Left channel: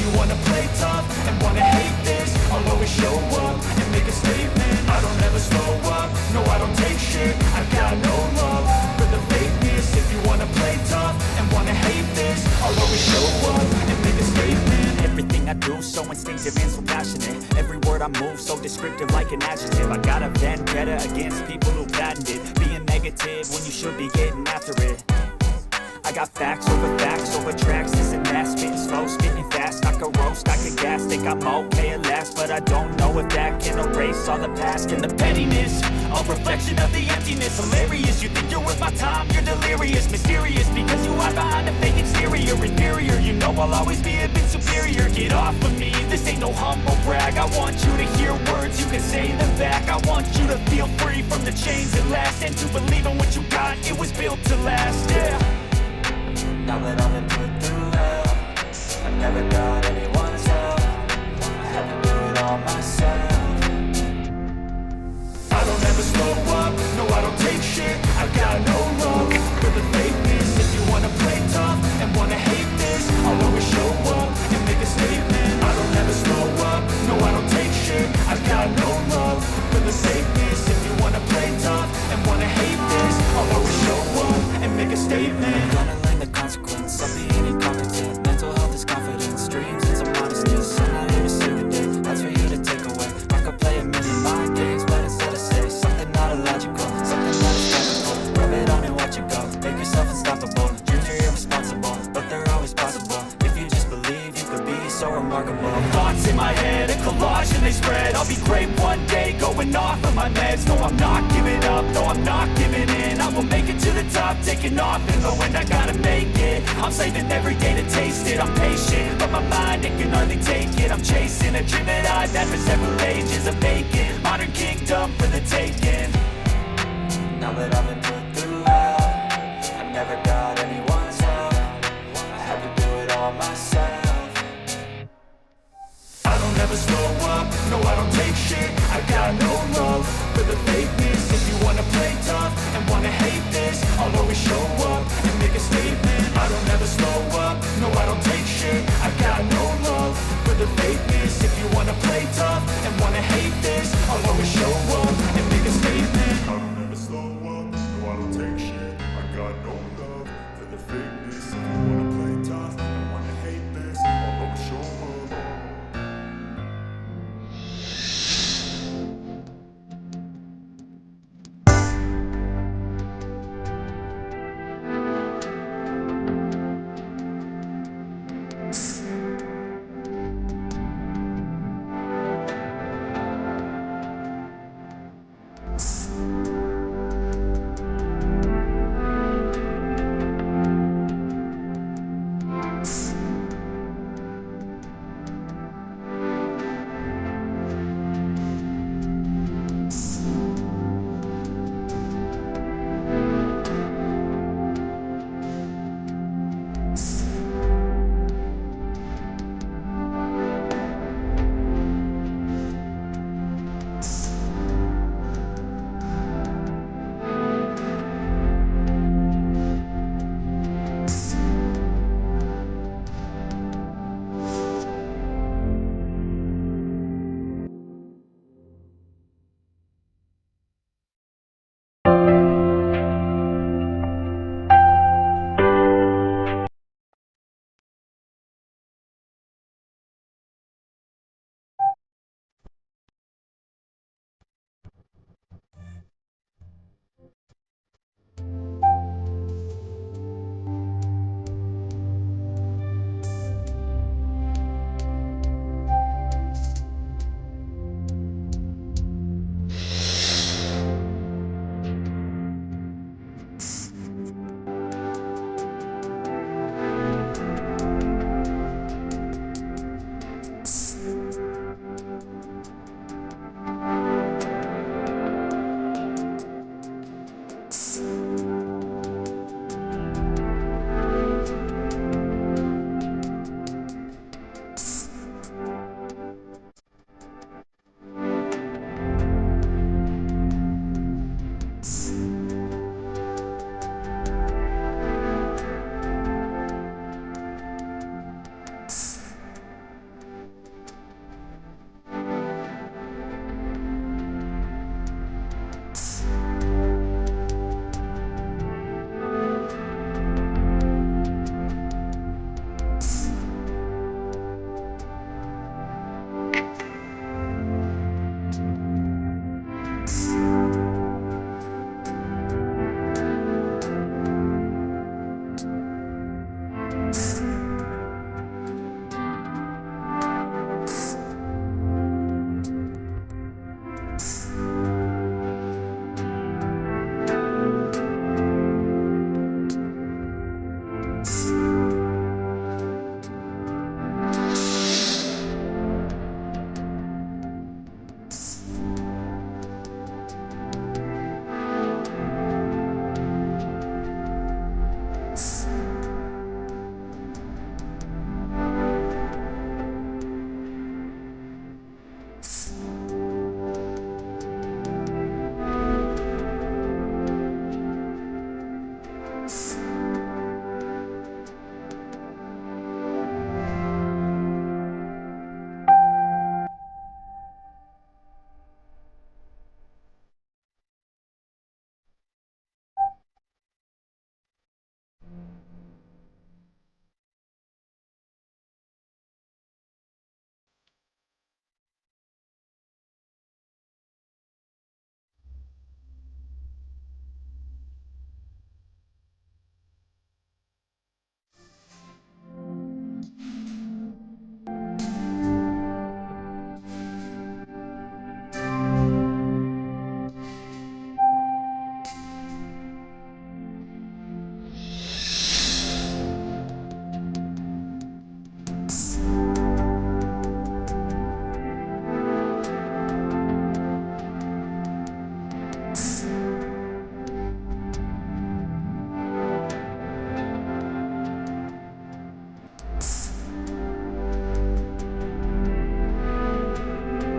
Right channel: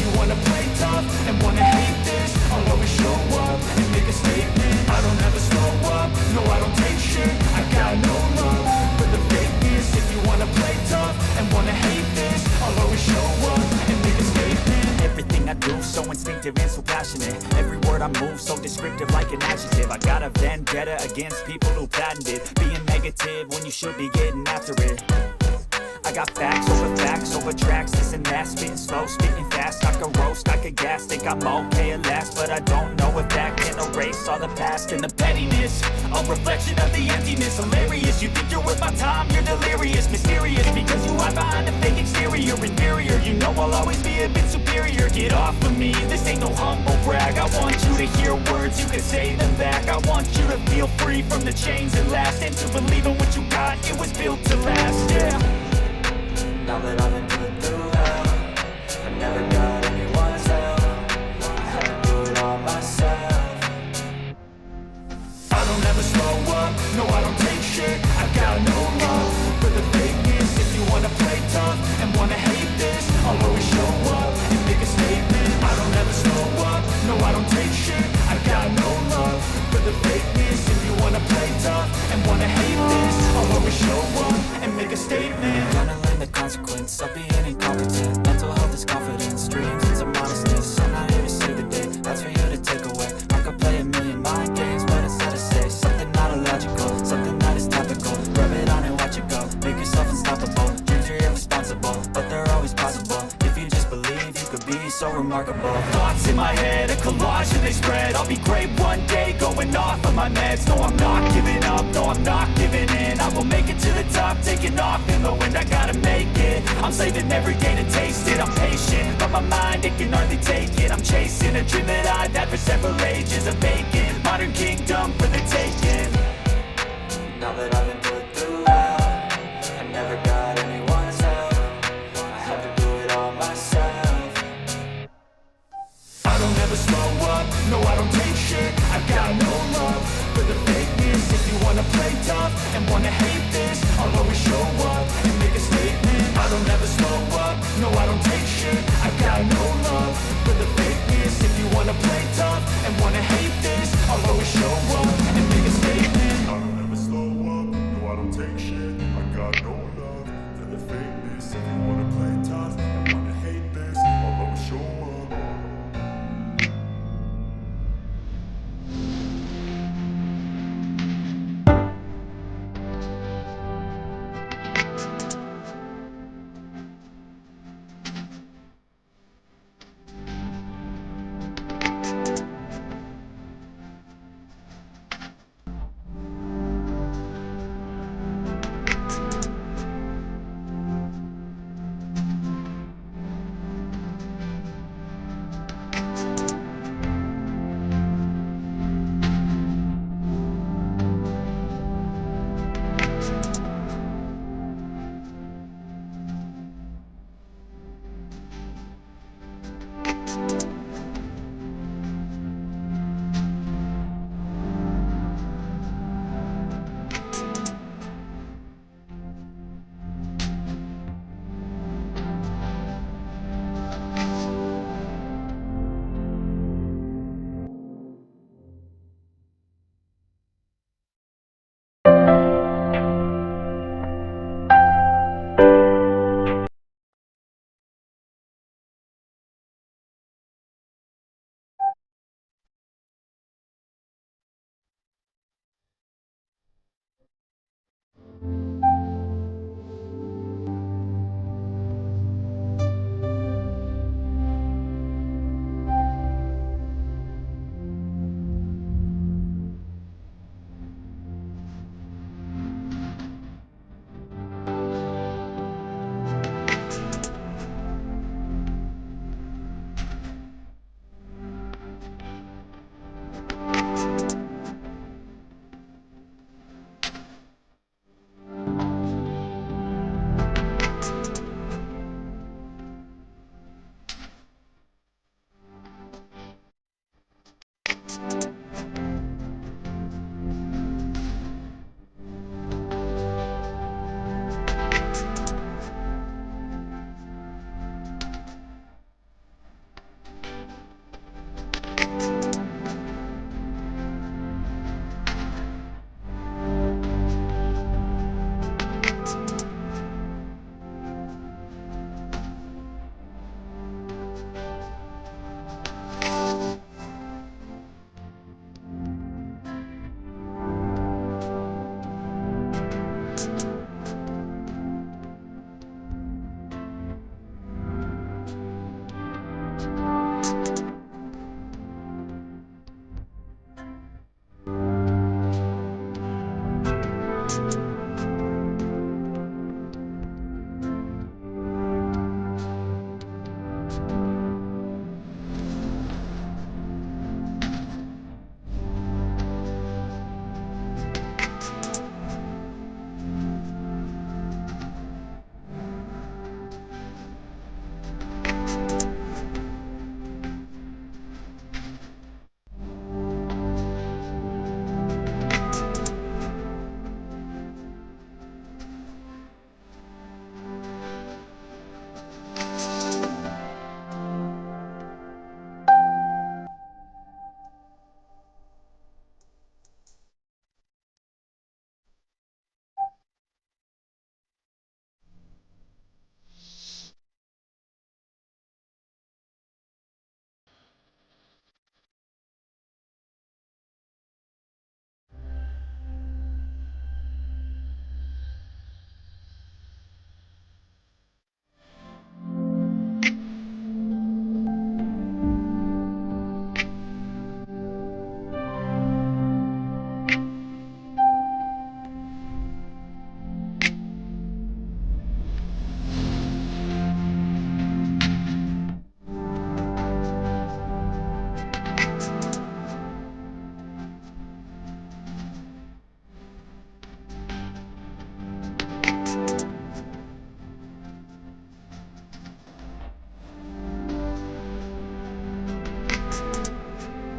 you wanna play tough and wanna hate this, I'll always show up and make a statement. I don't ever slow up, no I don't take shit. I got no love for the fakeness. If you wanna play tough and wanna hate this, I'll always show up and make a statement. Everything I do so instinctive and so passionate. Every word I move so descriptive like an adjective. I got a vendetta against people who patented being negative when you should be getting after it. I got facts over tracks, this and that. Spitting slow, spitting fast, I could roast, I could gas. Think I'm okay at last, but I don't know if that can erase all the past. And the pettiness, a reflection of the emptiness. Hilarious, you think you're worth my time, you're delirious. Mysterious, because you hide behind a fake exterior. Inferior, you know I'll always be a bit superior. Get off of me, this ain't no humble brag. I want you to hear words, you can say them back. I want you to feel free from the chains at last, and to believe in what you got, it was built to last, yeah. Now that I've been put through hell, I never got anyone's help. I had to do it all myself. I don't ever slow up, no I don't take shit. I got no love for the fakeness. If you wanna play tough and wanna hate this, I'll always show up and make a statement. I don't ever slow up, no I don't take shit. I got no love for the fakeness. If you wanna play tough and wanna hate this, I'll always show up and make a statement. I'm gonna learn the consequence of being incompetent. Mental health is confidence, dreams and some modestness. I'm not here to save the day, that's for you to take away. I could play a million mind games, but instead I say something not illogical, something that is topical. Rub it on and watch it go, make yourself unstoppable. Dreams are irresponsible, but they're always possible. If you just believe, you could be so remarkable. Thoughts in my head, a collage and they spread. I'll be great one day, going off of my meds. No, I'm not giving up, no, I'm not giving in. I will make it to the top, taking off in the wind. I gotta make it, I'm saving every day to taste it. I'm patient, but my mind, it can hardly take it. I'm chasing a dream that I've had for several ages. A vacant, modern kingdom for the taking. Now that I've been put through hell, I never got anyone's help. I had to do it all myself. I don't ever slow up, no I don't take shit. I got no love for the fakeness. If you wanna play tough and wanna hate this, I'll always show up and make a statement. I don't ever slow up, no I don't take shit. I got no love for the fakeness. If you wanna play tough and wanna hate this, I'll always show up and make a statement. I don't ever slow up, no I don't take shit. I got no love for the fakeness. If you wanna play tough and wanna hate this, I'll always show up.